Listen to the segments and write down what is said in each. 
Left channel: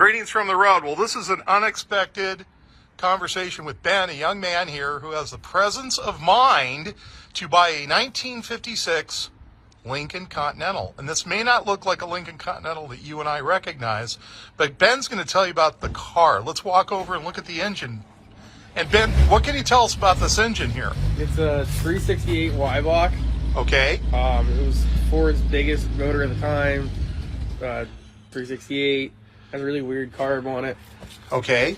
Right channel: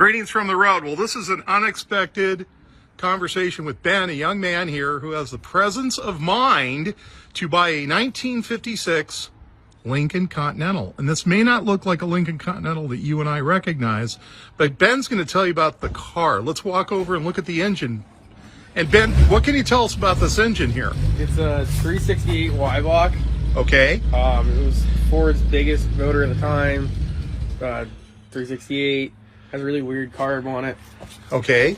Greetings from the road. Well, this is an unexpected conversation with Ben, a young man here who has the presence of mind to buy a 1956 Lincoln Continental. And this may not look like a Lincoln Continental that you and I recognize, but Ben's going to tell you about the car. Let's walk over and look at the engine. And Ben, what can you tell us about this engine here? It's a 368 Y-block. Okay. It was Ford's biggest motor at the time. 368. Has a really weird carb on it. Okay.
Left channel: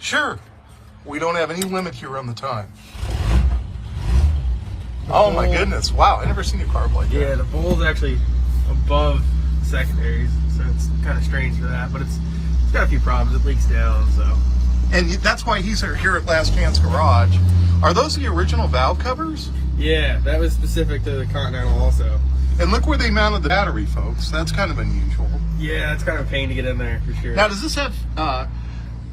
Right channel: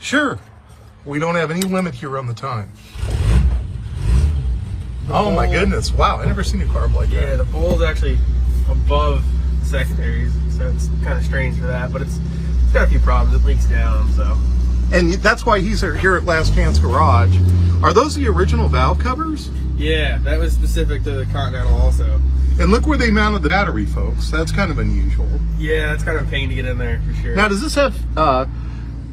Sure. We don't have any limit here on the time. Oh my goodness. Wow, I've never seen a carb like that. Yeah, the bowl's actually above secondaries, so it's kind of strange for that, but it's got a few problems. It leaks down, so. And that's why he's here at Last Chance Garage. Are those the original valve covers? Yeah, that was specific to the Continental also. And look where they mounted the battery, folks. That's kind of unusual. Yeah, that's kind of a pain to get in there, for sure. Now, does this have,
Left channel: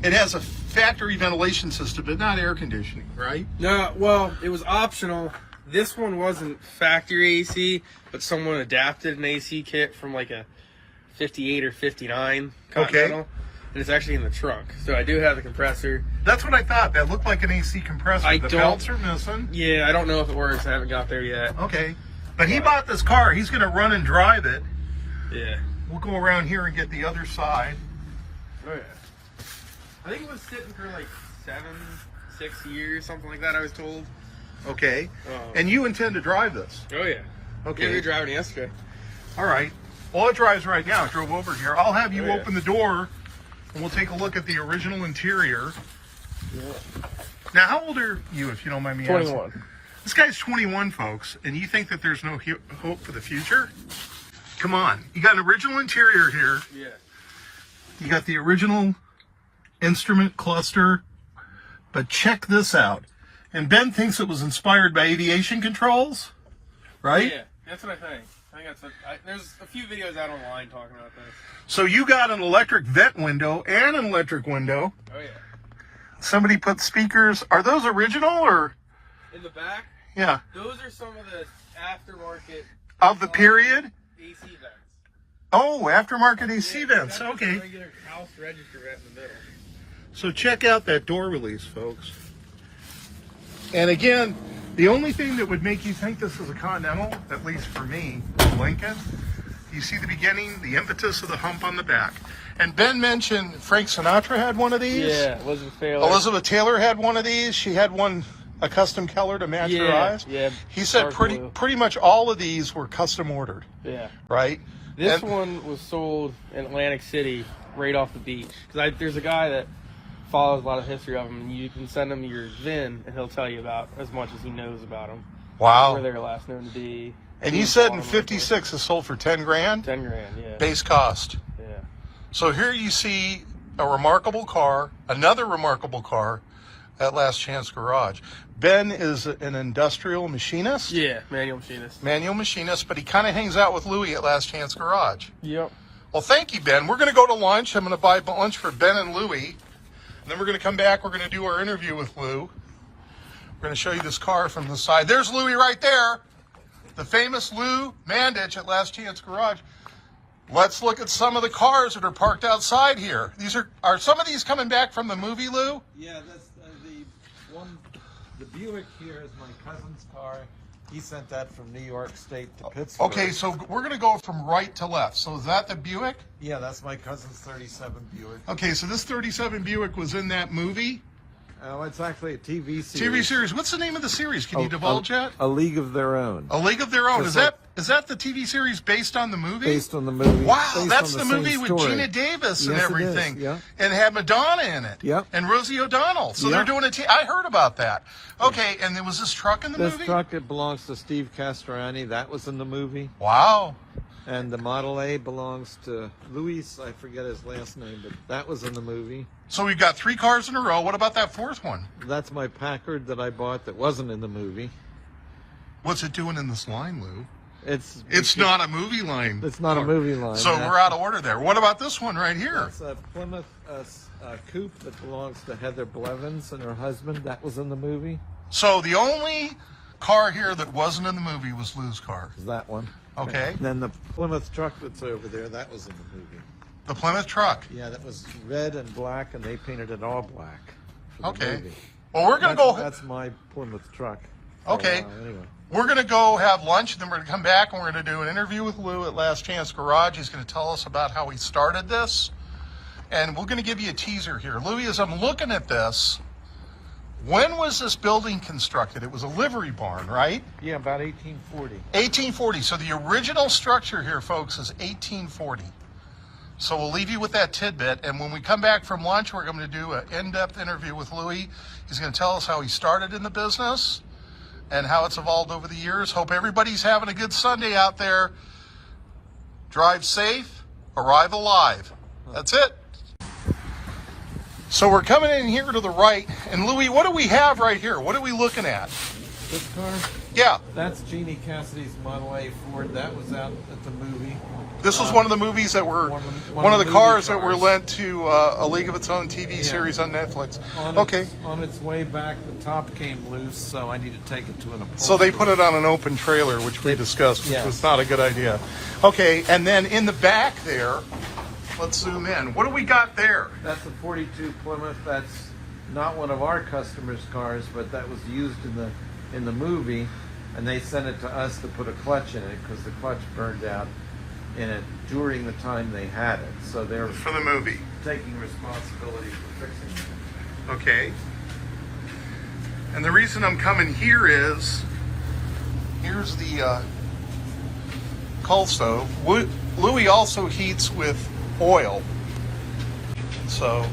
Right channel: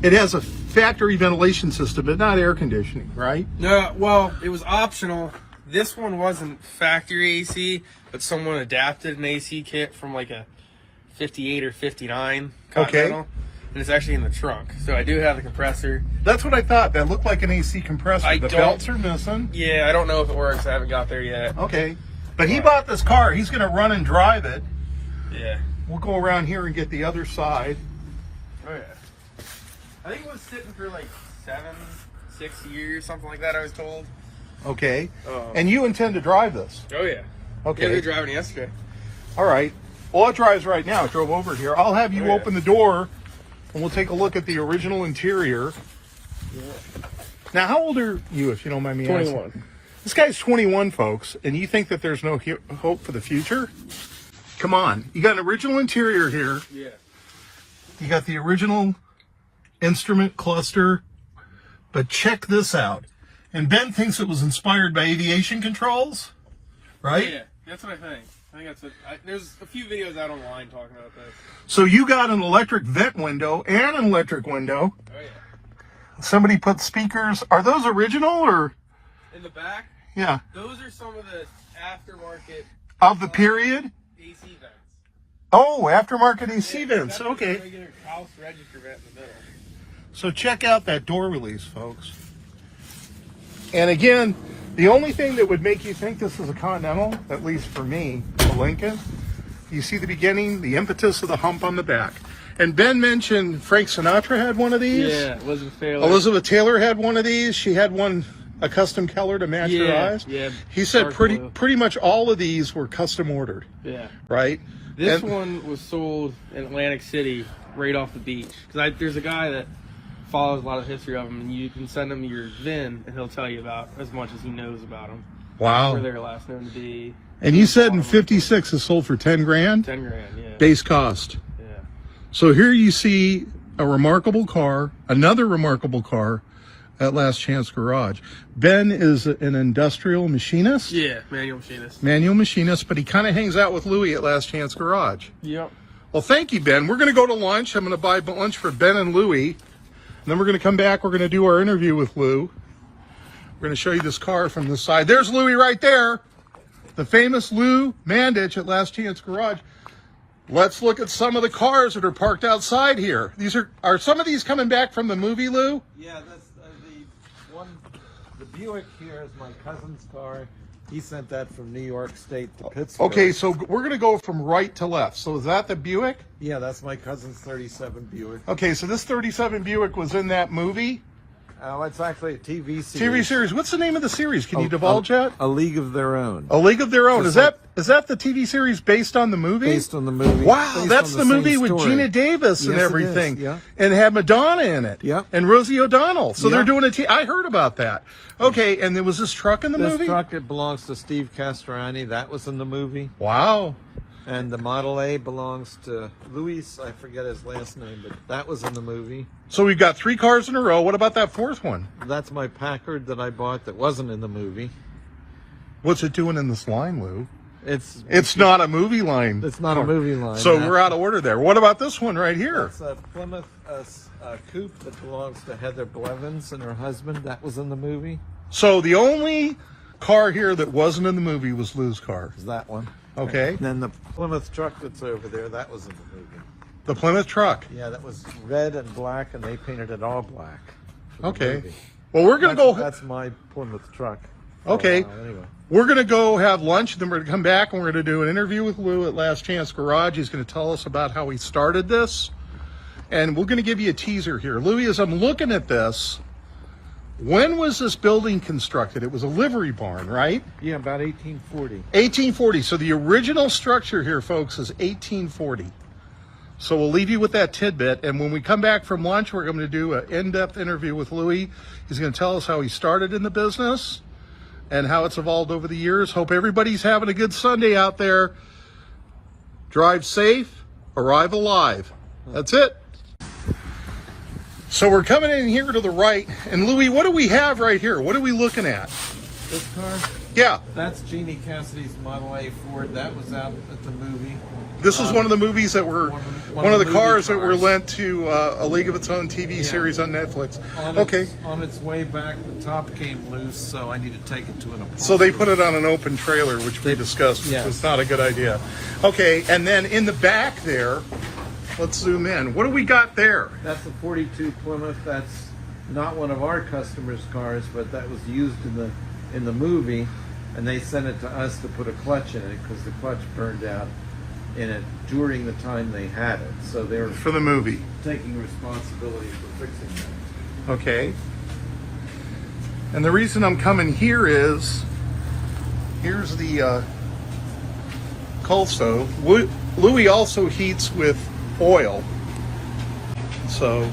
it has a factory ventilation system, but not air conditioning, right? No, well, it was optional. This one wasn't factory AC, but someone adapted an AC kit from like a 58 or 59 Continental. Okay. And it's actually in the truck. So I do have the compressor. That's what I thought. That looked like an AC compressor. The belts are missing. Yeah, I don't know if it works. I haven't got there yet. Okay. But he bought this car. He's going to run and drive it. Yeah. We'll go around here and get the other side. Okay. I think it was sitting for like 6 years, something like that, I was told. Okay. And you intend to drive this? Oh, yeah. Okay. We were driving yesterday. All right. Well, it drives right now. It drove over here. I'll have you open the door, and we'll take a look at the original interior. Yeah. Now, how old are you, if you don't mind me asking? 21. This guy's 21, folks, and you think that there's no hope for the future? Come on. You got an original interior here. Yeah. You got the original instrument cluster, but check this out. And Ben thinks it was inspired by aviation controls, right? Yeah, that's what I think. I think that's what, there's a few videos out online talking about this. So you got an electric vent window and an electric window. Oh, yeah. Somebody put speakers. Are those original or? In the back? Yeah. Those are some of the aftermarket. Of the period? AC vents. Oh, aftermarket AC vents. That's Okay. a regular house register vent in there. So check out that door release, folks. And again, the only thing that would make you think this is a Continental, at least for me, Lincoln, you see the beginning, the impetus of the hump on the back. And Ben mentioned Frank Sinatra had one of these. Yeah, Elizabeth Taylor. Elizabeth Taylor had one of these. She had one, a custom color to match her eyes. Yeah. He said pretty much all of these were custom ordered. Yeah. Right? This one was sold in Atlantic City, right off the beach. Because there's a guy that follows a lot of history of them, and you can send him your VIN, and he'll tell you about as much as he knows about them. Wow. Where they were last known to be. And you said in 56 it sold for 10 grand? 10 grand, yeah. Base cost. Yeah. So here you see a remarkable car, another remarkable car at Last Chance Garage. Ben is an industrial machinist. Yeah, manual machinist. Manual machinist, but he kind of hangs out with Louie at Last Chance Garage. Yep. Well, thank you, Ben. We're going to go to lunch. I'm going to buy lunch for Ben and Louie. And then we're going to come back. We're going to do our interview with Lou. We're going to show you this car from the side. There's Louie right there. The famous Lou Mandich at Last Chance Garage. Let's look at some of the cars that are parked outside here. These are some of these coming back from the movie, Lou? Yeah, that's the one. The Buick here is my cousin's car. He sent that from New York State to Pittsburgh. Okay, so we're going to go from right to left. So is that the Buick? Yeah, that's my cousin's 37 Buick. Okay, so this 37 Buick was in that movie? Oh, it's actually a TV series. TV series. What's the name of the series? Can you divulge that? A League of Their Own. A League of Their Own. Is that the TV series based on the movie? Based on the movie. Wow, that's the movie with story. Gina Davis and Yes, it everything. is, yeah. And had Madonna in it. Yeah. And Rosie O'Donnell. So Yeah. they're doing I heard about that. Okay, and there was this truck in the This movie? truck, it belongs to Steve Castrani. That was in the movie. Wow. And the Model A belongs to Luis. I forget his last name, but that was in the movie. So we've got 3 cars in a row. What about that 4th one? That's my Packard that I bought that wasn't in the movie. What's it doing in this line, Lou? It's not a movie line. It's not a movie line. So we're out of order there. What about this one right here? It's a Plymouth coupe that belongs to Heather Blevins and her husband. That was in the movie. So the only car here that wasn't in the movie was Lou's car. Is that one? Okay. Then the Plymouth Truck that's over there, that was in the movie. The Plymouth Truck. Yeah, that was red and black, and they painted it all black. for the Okay. movie. Well, we're going to go. That's my Plymouth Truck. Okay. Anyway. We're going to go have lunch, then we're going to come back and we're going to do an interview with Lou at Last Chance Garage. He's going to tell us about how he started this. And we're going to give you a teaser here. Louis, as I'm looking at this, when was this building constructed? It was a livery barn, right? Yeah, about 1840. 1840. So the original structure here, folks, is 1840. So we'll leave you with that tidbit. And when we come back from lunch, we're going to do an in-depth interview with Louis. He's going to tell us how he started in the business and how it's evolved over the years. Hope everybody's having a good Sunday out there. Drive safe, arrive alive. That's it. So we're coming in here to the right. And Louis, what do we have right here? What are we looking at? This car? Yeah, That's Jeannie Cassidy's Model A Ford. That was out at the movie. this was one of the movies that were, one of the movie cars that were cars. lent to A League of Its Own TV series on Netflix. Okay. On its way back, the top came loose, so I need to take it to an upholstery. So they put it on an open trailer, which we discussed, which Yeah. was not a good idea. Okay, and then in the back there, let's zoom in. What do we got there? That's a 42 Plymouth. That's not one of our customers' cars, but that was used in the movie, and they sent it to us to put a clutch in it because the clutch burned out in it during the time they had it. So they're For the movie. taking responsibility for fixing it. Okay. And the reason I'm coming here is, here's the coal stove. Louis also heats with oil. So,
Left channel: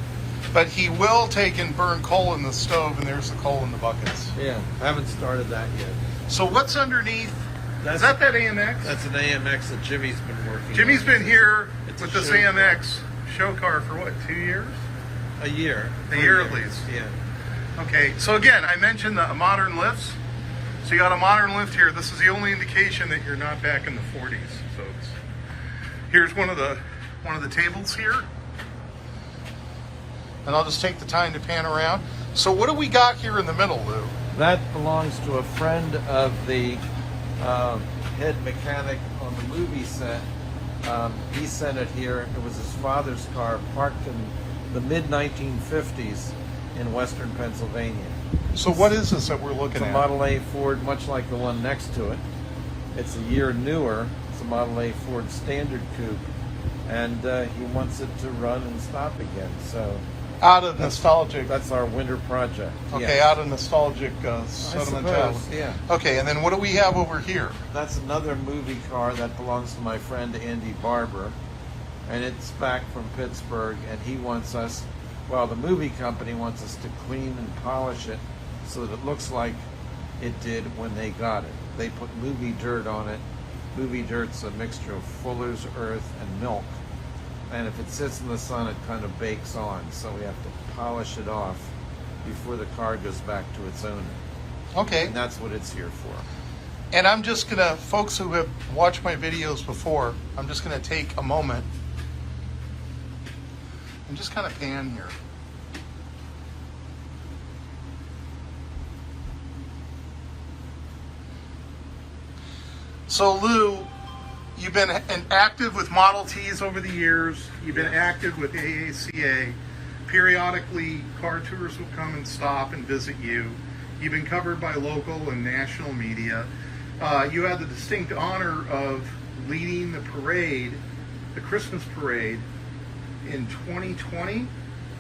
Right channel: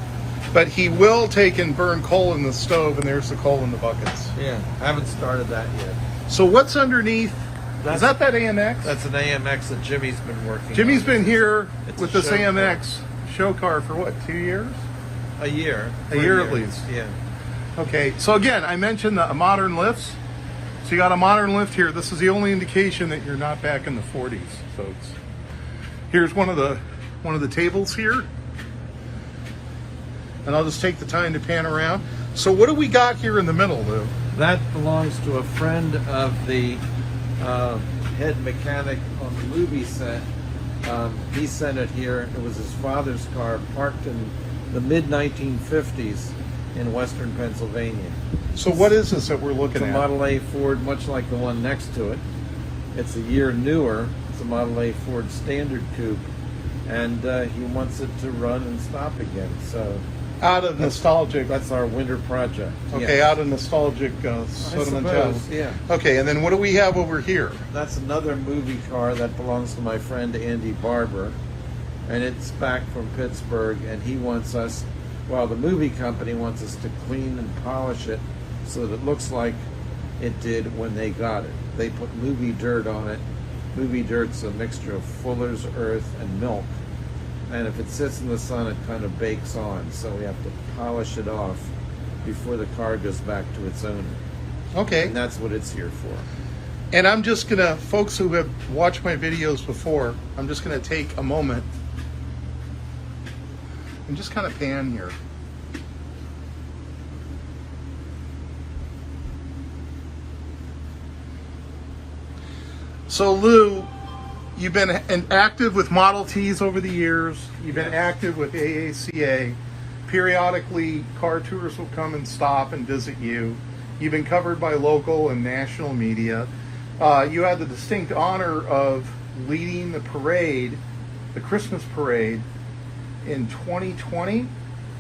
but he will take and burn coal in the stove, and there's the coal in the buckets. Yeah, I haven't started that yet. So what's underneath? Is that AMX? That's an AMX that Jimmy's been working. Jimmy's been here It's with a this show AMX show car for what, 2 years? A year. A year at least. Yeah. Okay, so again, I mentioned the modern lifts. So you got a modern lift here. This is the only indication that you're not back in the 40s, folks. Here's one of the tables here. And I'll just take the time to pan around. So what do we got here in the middle, Lou? That belongs to a friend of the head mechanic on the movie set. He sent it here. It was his father's car, parked in the mid-1950s in western Pennsylvania. So what is this that we're looking It's a at? Model A Ford, much like the one next to it. It's a year newer. It's a Model A Ford Standard Coupe, and he wants it to run and stop again. So Out of nostalgic. that's our winter project. Okay, Yeah. out of nostalgic sentimental. Yeah. Okay, and then what do we have over here? That's another movie car that belongs to my friend Andy Barber, and it's back from Pittsburgh, and he wants us, well, the movie company wants us to clean and polish it so that it looks like it did when they got it. They put movie dirt on it. Movie dirt's a mixture of Fuller's earth and milk, and if it sits in the sun, it kind of bakes on, so we have to polish it off before the car goes back to its owner. Okay. And that's what it's here for. And I'm just gonna, folks who have watched my videos before, I'm just gonna take a moment and just kind of pan here. So Lou, you've been active with Model Ts over the years. You've been active with AACA. Periodically, car tours will come and stop and visit you. You've been covered by local and national media. You had the distinct honor of leading the parade, the Christmas parade, in 2020,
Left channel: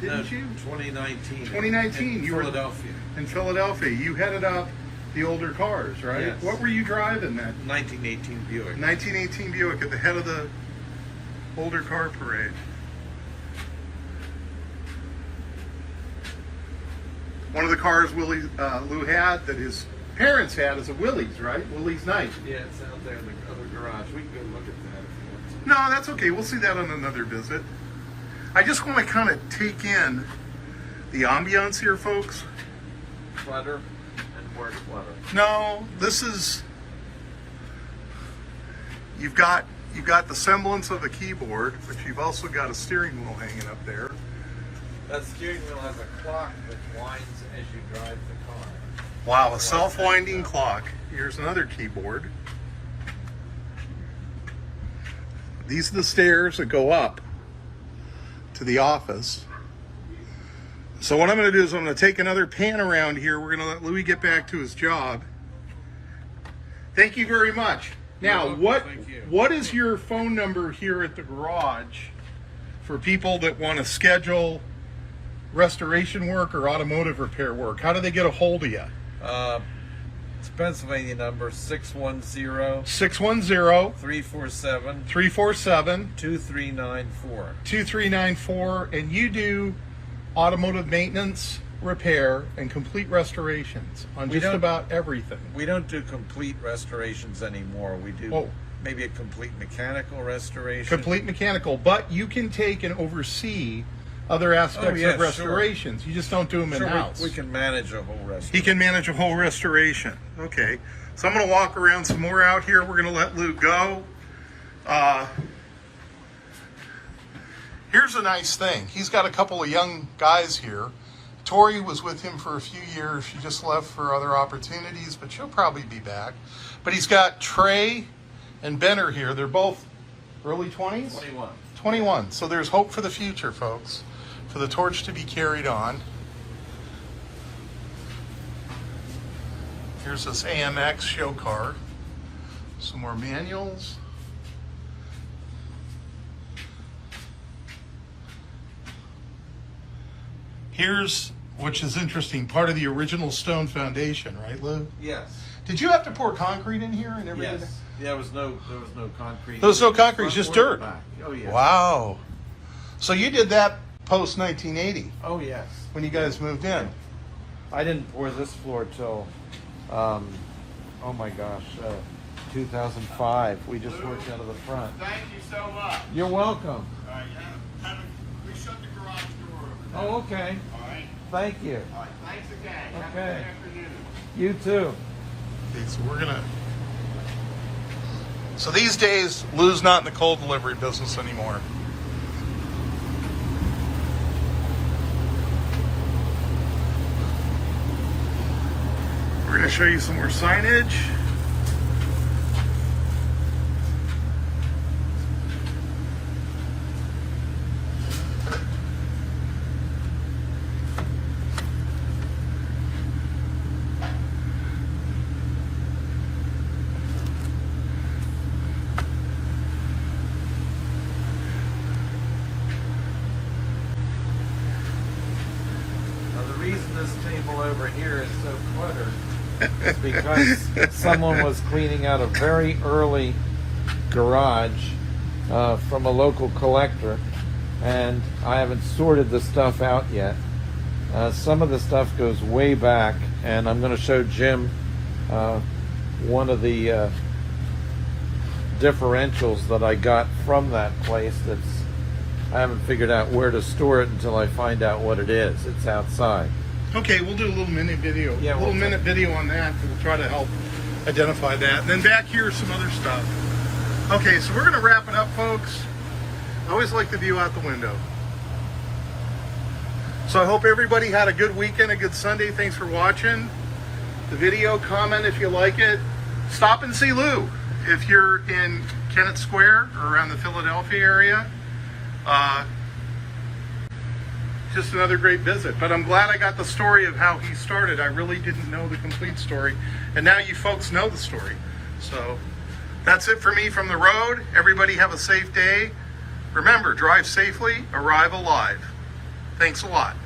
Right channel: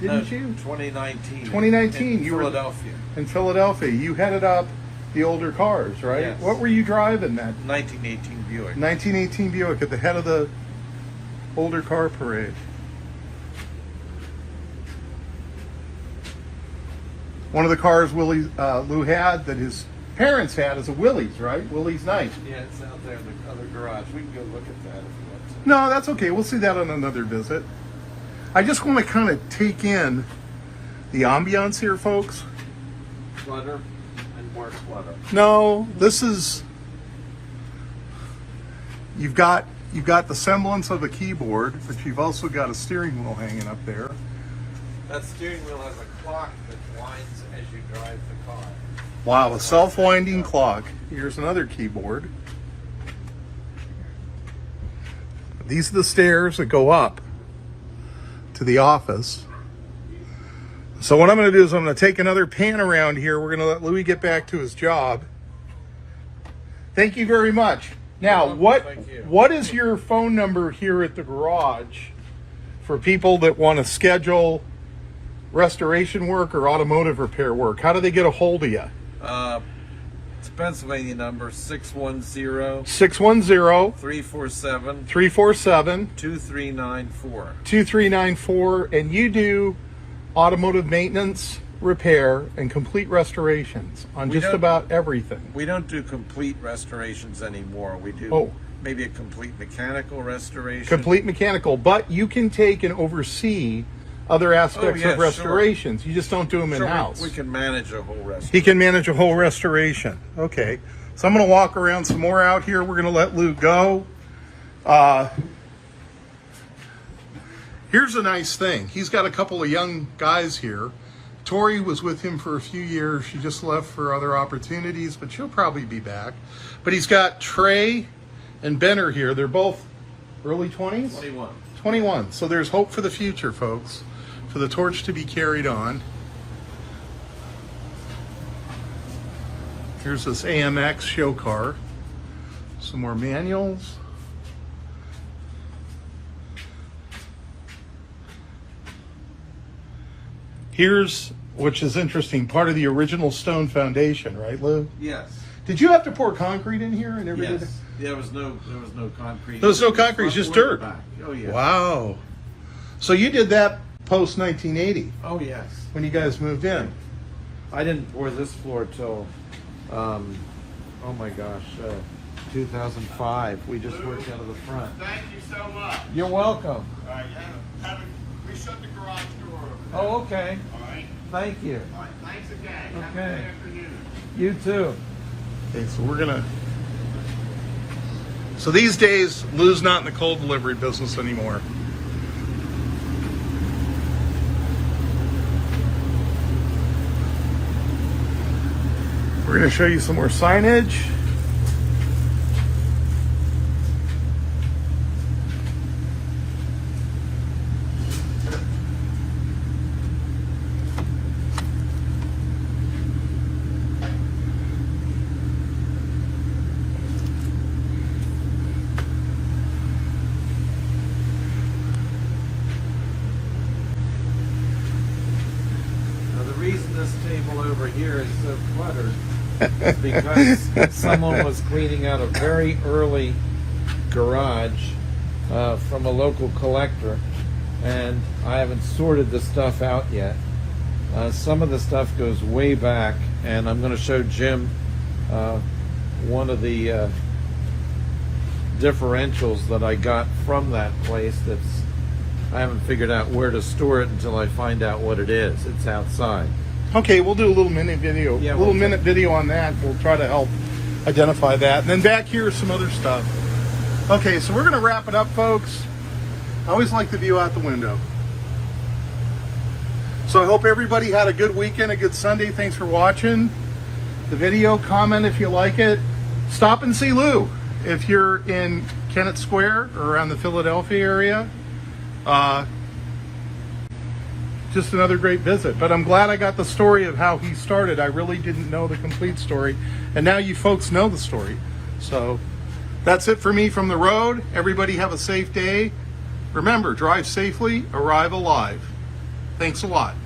didn't you? 2019. 2019. In Philadelphia. In Philadelphia. You headed up the older cars, right? Yes. What were you driving then? 1918 Buick. 1918 Buick at the head of the older car parade. One of the cars Lou had that his parents had is a Willys, right? Willys Night. Yeah, it's out there in the other garage. We can go look at that if you want to. No, that's okay. We'll see that on another visit. I just want to kind of take in the ambiance here, folks. Clutter and more clutter. No, this is, you've got the semblance of a keyboard, but you've also got a steering wheel hanging up there. That steering wheel has a clock that winds as you drive the car. Wow, a self-winding clock. Here's another keyboard. These are the stairs that go up to the office. So what I'm going to do is I'm going to take another pan around here. We're going to let Louis get back to his job. Thank you very much. Now, what is your phone number here at the garage for people that want to schedule restoration work or automotive repair work? How do they get a hold of you? It's Pennsylvania number 610 347 2394. 2394, and you do automotive maintenance, repair, and complete restorations on just about everything. We don't do complete restorations anymore. We do maybe a complete mechanical restoration. Complete mechanical, but you can take and oversee other aspects of restorations. Sure. You just don't do them in-house. We can manage a whole restoration. He can manage a whole restoration. Okay. So I'm going to walk around some more out here. We're going to let Lou go. Here's a nice thing. He's got a couple of young guys here. Tori was with him for a few years. She just left for other opportunities, but she'll probably be back. But he's got Trey and Benner here. They're both early 20s? 21. 21. So there's hope for the future, folks, for the torch to be carried on. Here's this AMX show car. Some more manuals. Here's, which is interesting, part of the original stone foundation, right, Lou? Yes. Did you have to pour concrete in here and everything? Yes. There was no concrete. There was no concrete, just dirt. Oh, yeah. Wow. So you did that post 1980 Oh, yes. when you guys moved in. I didn't pour this floor till, oh my gosh, 2005. We just worked out of the front. Thank you so much. You're welcome. All right, we shut the garage door over there. Oh, okay. All right. Thank you. All right. Thanks again. Have a Okay. good afternoon. You too. Okay, so we're gonna. So these days, Lou's not in the coal delivery business anymore. We're gonna show you some more signage. Reason this table over here is so cluttered is because someone was cleaning out a very early garage from a local collector, and I haven't sorted the stuff out yet. Some of the stuff goes way back, and I'm going to show Jim one of the differentials that I got from that place I haven't figured out where to store it until I find out what it is. It's outside. Okay, we'll do a little mini video. Yeah, a little minute video on that. We'll try to help identify that. And then back here is some other stuff. Okay, so we're going to wrap it up, folks. I always like the view out the window. So I hope everybody had a good weekend, a good Sunday. Thanks for watching the video. Comment if you like it. Stop and see Lou if you're in Kennett Square or around the Philadelphia area. Just another great visit, but I'm glad I got the story of how he started. I really didn't know the complete story, and now you folks know the story. So that's it for me from the road. Everybody have a safe day. Remember, drive safely, arrive alive. Thanks a lot.